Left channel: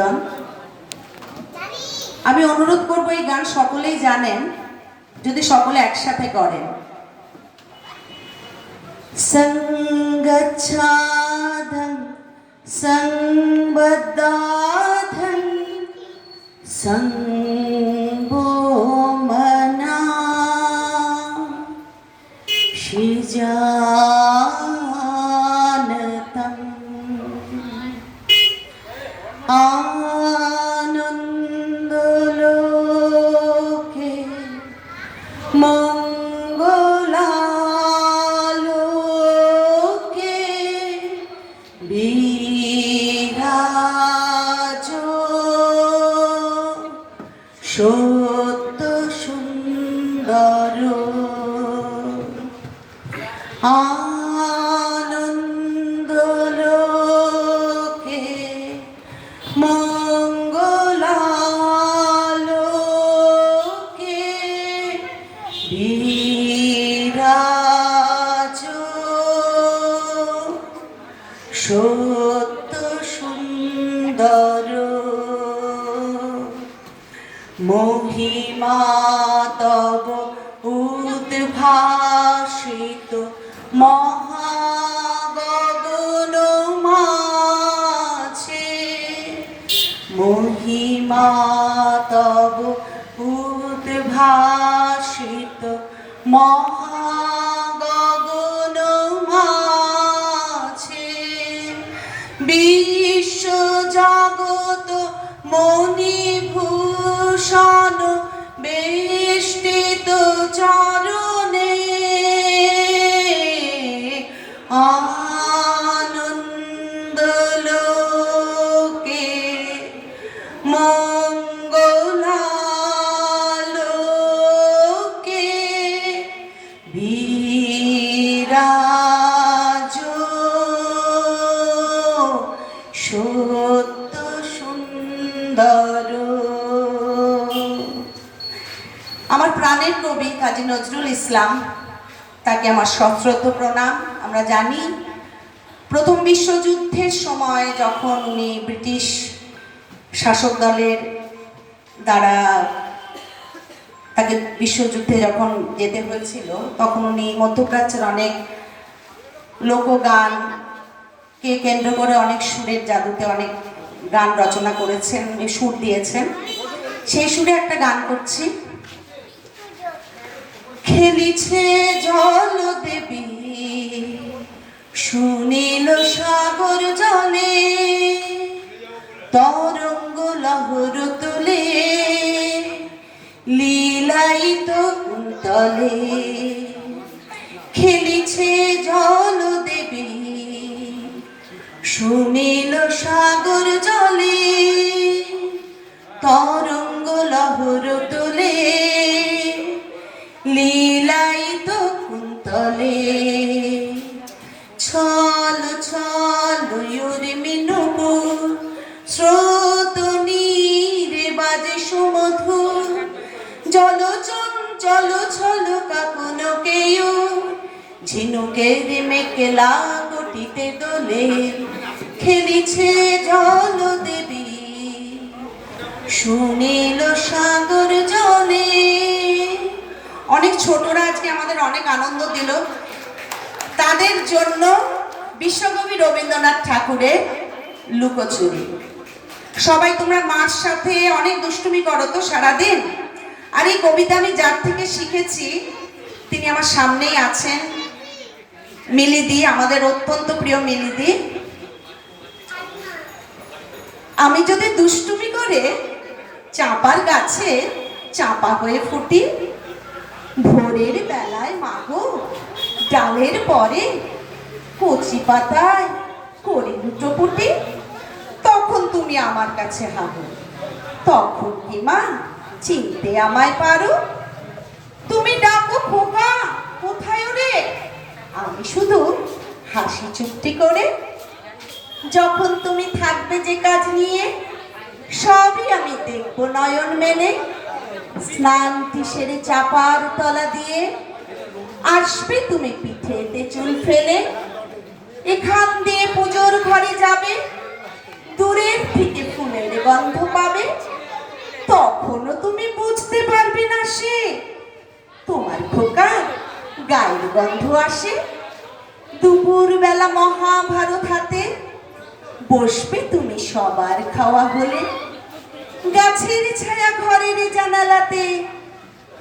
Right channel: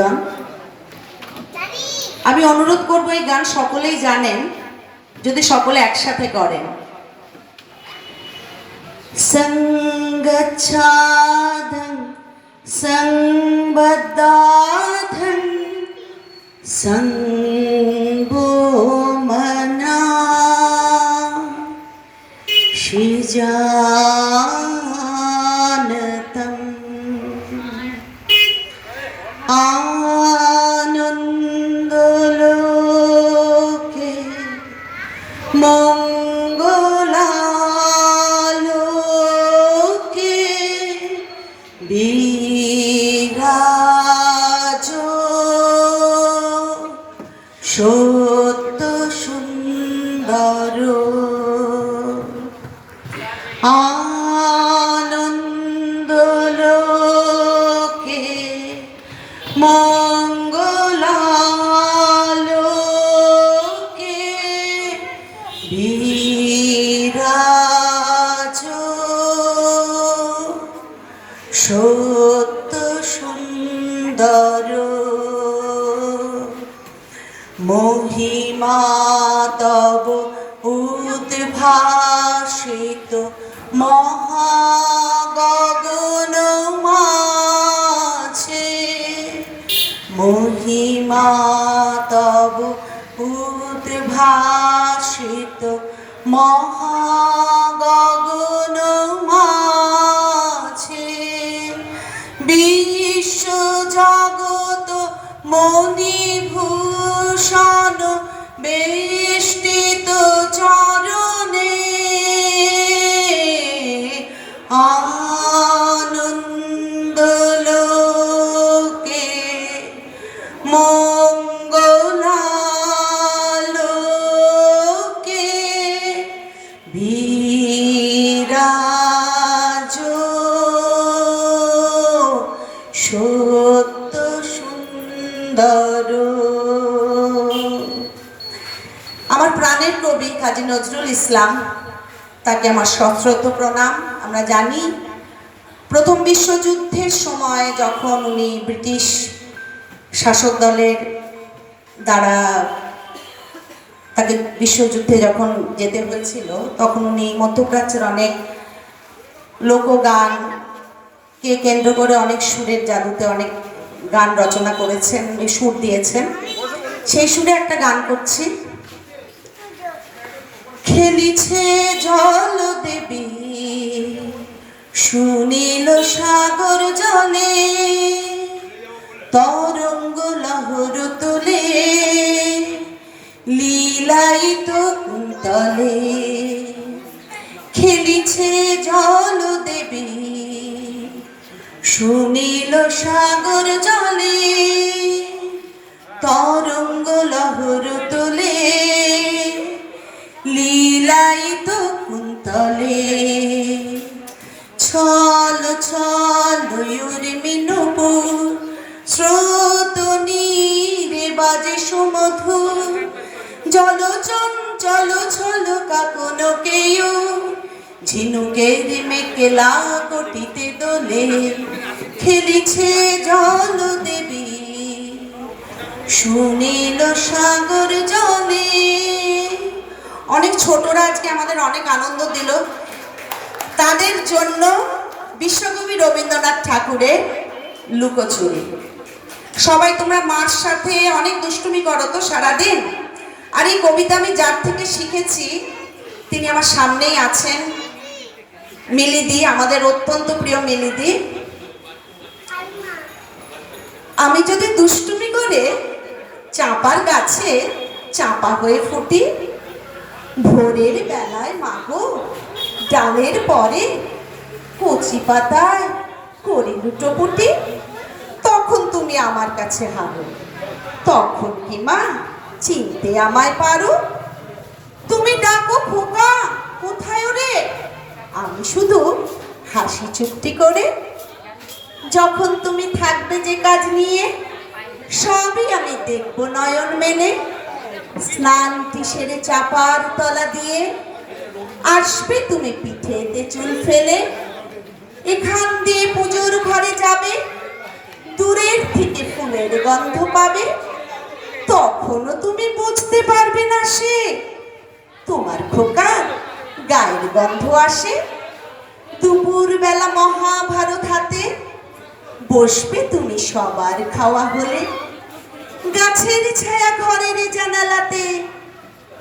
গান আমি অনুরোধ করব এই গান সকলেই জানেন যদি সকলে একসাথে করেন। সঙ্গচ্ছাদং সংবদ্ধাধং সঙ্গো মনা সৃজানতম আনন্দলোকে মঙ্গলালোকে বিরাজ সত্য সুন্দর আনন্দলোকে মঙ্গলালোকে বিরাজ সত্য সুন্দর মহিমা তব উদ্ভাসিত মহাগগন মাঝে মহিমা তব উদ্ভাসিত মহাগগন মাঝে বিশ্ব জগৎ মণিভূষণ বেষ্টিত চরণে আনন্দলোকে মঙ্গলালোকে বিরাজ সত্য সুন্দর। আমার প্রাণের কবি কাজী নজরুল ইসলাম, তাকে আমার সশ্রদ্ধ প্রণাম। আমরা জানি প্রথম বিশ্বযুদ্ধের সময় যখন উনি ব্রিটিশ শাসক দলের দ্বারা তাকে বিশ্বযুদ্ধে যখন যেতে হয়েছিল, তখন উনি মধ্যপ্রাচ্যের অনেক লোকগানকে কেন্দ্র করে অনেক সুরের জাদুতে অনেক গান রচনা করেছেন, উনি সুর দিয়েছেন। সেই সুরে একটা গান করছি। খেলিছে জল দেবী সুনীল সাগর জলে তরঙ্গ লহর তুলে লীলায়িত কুন্তলে খেলিছে জল দেবী সুনীল সাগর জলে তরঙ্গ লহর তুলে লীলায়িত কুন্তলে ছল ছল উর্মি নূপুর স্রোত নীরে বাজে সুমধুর জল চঞ্চল ছল কাপুনকেয় ঝিনুকের মেকেলা কটিতে দোলে খেলিছে জল দেবী সুনীল সাগর জলে। অনেক ছোটরা আজকে আমাদের অনেক আনন্দ দিল, তাদের জন্য বিশ্বকবি রবীন্দ্রনাথ ঠাকুরের লুকোচুরি। সবাই তোমরা মার সাথে অনেক দুষ্টুমি করো তো সারাদিন, আর এই কবিতা আমি যার থেকে শিখেছি তিনি আমার সামনেই আছেন, মিলিদি, আমাদের অত্যন্ত প্রিয় মিলিদি। আমি যদি দুষ্টুমি করে চাঁপার গাছে চাঁপা হয়ে ফুটি, ভোরের বেলায় মাগো ডালের পরে কচি পাতায় করে লুটোপুটি, তখন তুমি আমার কাছে হাগো, তখন কি মা চিনতে আমায় পারো? তুমি ডাকো খোকা কোথায় রে, আমি শুধু হাসি চুপটি করে। যখন তুমি থাকবে যে কাজ নিয়ে সবই আমি দেখবো নয়ন মেলে, স্নানটি সেরে চাপার তলা দিয়ে আসবে তুমি পিঠেতে চুল ফেলে, এখান দিয়ে পুজোর ঘরে যাবে, দূরের থেকে ফুলের গন্ধ পাবে, তখনও তুমি বুঝতে পারবে না সে তোমার খোকার গায়ের গন্ধ আসে। দুপুর বেলা মহাভারত হাতে বসবে তুমি সবার খাওয়া হলে, গাছের ছায়া ঘরের জানালাতে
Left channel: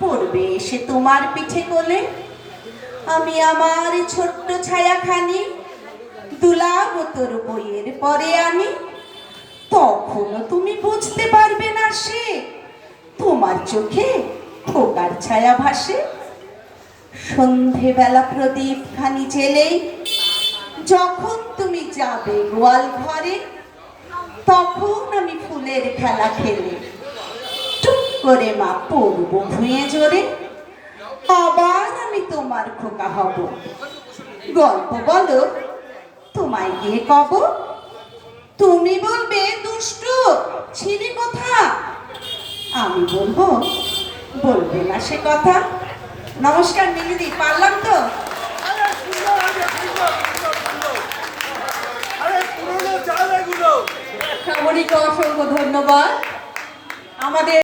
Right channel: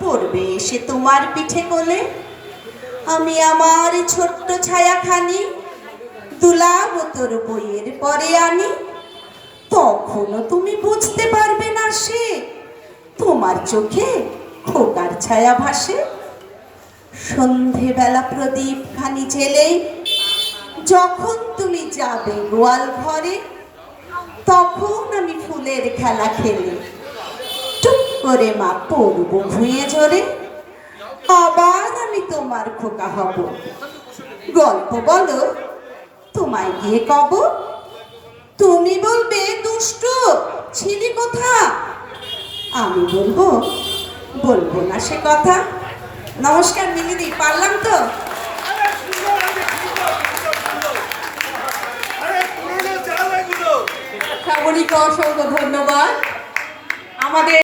পড়বে এসে তোমার পিঠে কোলে। আমি আমার ছোট্ট ছায়াখানি দুলাব তোর বইয়ের পরে আনি, তখনও তুমি বুঝতে পারবে না সে তোমার চোখে খোকার ছায়া ভাসে। সন্ধেবেলা প্রদীপ খানি জ্বেলেই যখন তুমি যাবে গোয়াল ঘরে, তখন আমি ফুলের খেলা খেলে টুক করে মা পড়বো ভুঁয়ে জোরে। আবার আমি তোমার খোকা হব, গল্প বলো তোমায় গিয়ে কব। তুমি বলবে দুষ্টু ছিলি কোথা, আমি বলবো বলবো না সে কথা। নমস্কার মিলিদি, পারলাম তো? শ্রাবণীকে অসংখ্য ধন্যবাদ। আমাদের